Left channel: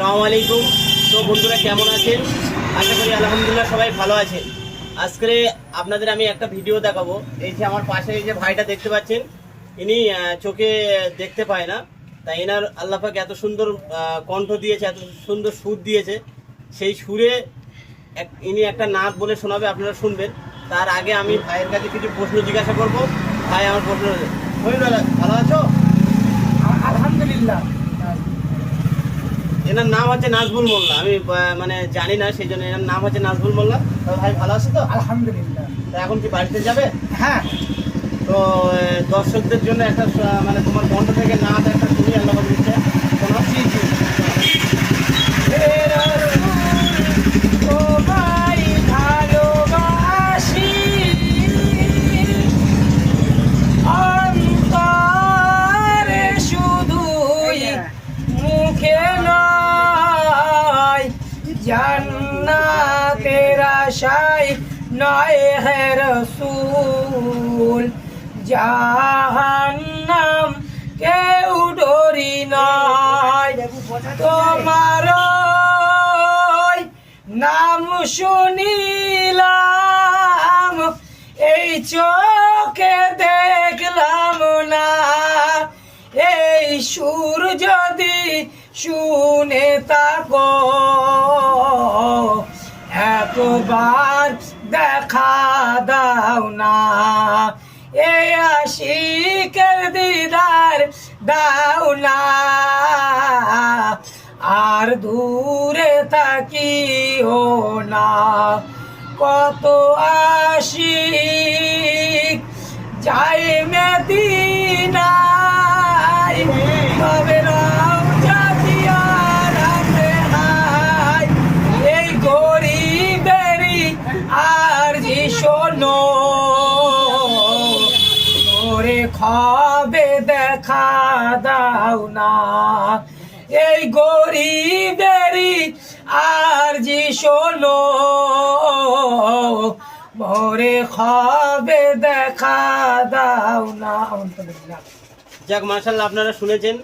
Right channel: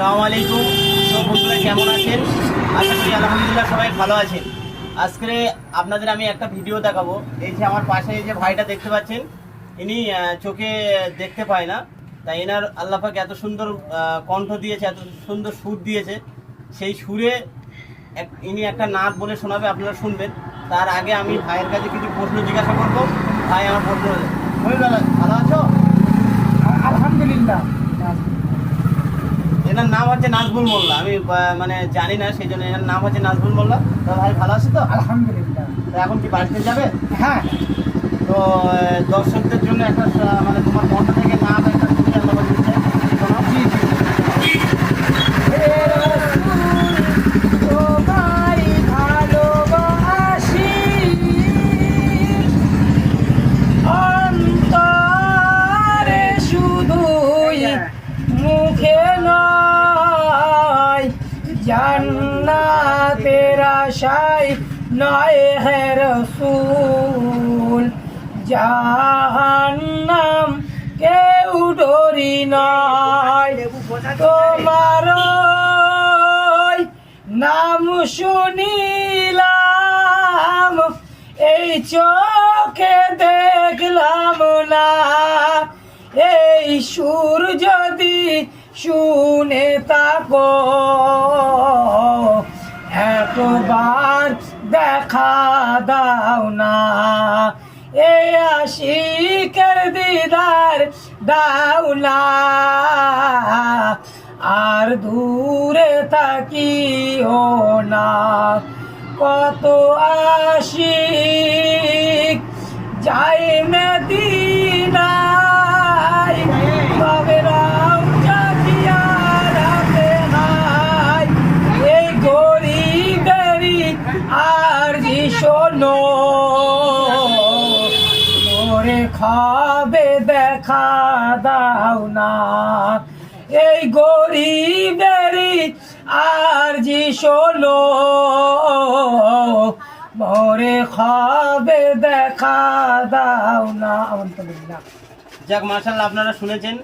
আসসালামু আলাইকুম। সব বন্ধুরা কেমন আছেন? আশা করি আলহামদুলিল্লাহ সবাই ভালো আছেন। আজকে আপনাদের আমি একটা ভিডিও দেখাবো। এই যে আমার পাশে এই যে ভাইটা দেখতে পাচ্ছেন, ইনি চোখে দেখতে পায় না, তাই এনার আল্লাহ পাক এত সুন্দর কণ্ঠ দিয়েছে, এত সুন্দর সুর দিয়েছে। সেই সুরে ইনি একটা নাচ বলে শোনাবে, আপনারা শুনবেন। তার আগে আমি ভাইয়ের কাছে কিছু প্রশ্ন জিজ্ঞাসা করবো। ভাই আমার প্রশ্ন হলে ভালো আছো? আলহামদুলিল্লাহ। এনার নাম হচ্ছে নাজবুল মোল্লা। আমি মানে জানি না, সেই জন্য এনার নাম হচ্ছে নাজবুল মোল্লা। তো ভাই ভালো আছে তো? আলহামদুলিল্লাহ। তো এখন কি বাড়িতে যাবে? হ্যাঁ, তো দর্শকদের জন্য একটা মানে তোমার কণ্ঠ থেকে নাচ একটা শুনি, আল্লাহ দিচ্ছে শোনাও। জি জি। তোমায় ভালোবাসি অন্তরে, শুধুই মুখে নয়, জান্নাতের আশায় নয় হে রাসূল, জাহান্নাম কেউ ডরি নয়। তোমার নাম শুনিলাম, এই চোখে দেখলাম না, এই সুর যদি শুনে থাকো, একবার দেখা দাও না, এই আশিকের দিদার দাও না, আর দূরে থাকিও না। কত আশিক যায় মদিনায়, তবে রং জাতিয়ার হায়, এই গরিবেরই আর জি শোনো, মোরে খাবে দেখা দাও না, এই গরিবেরই আর জি শোনো, মোরে খাবে দেখা দাও না। যাক, মাশাআল্লাহ, আপনারা শুনেছেন।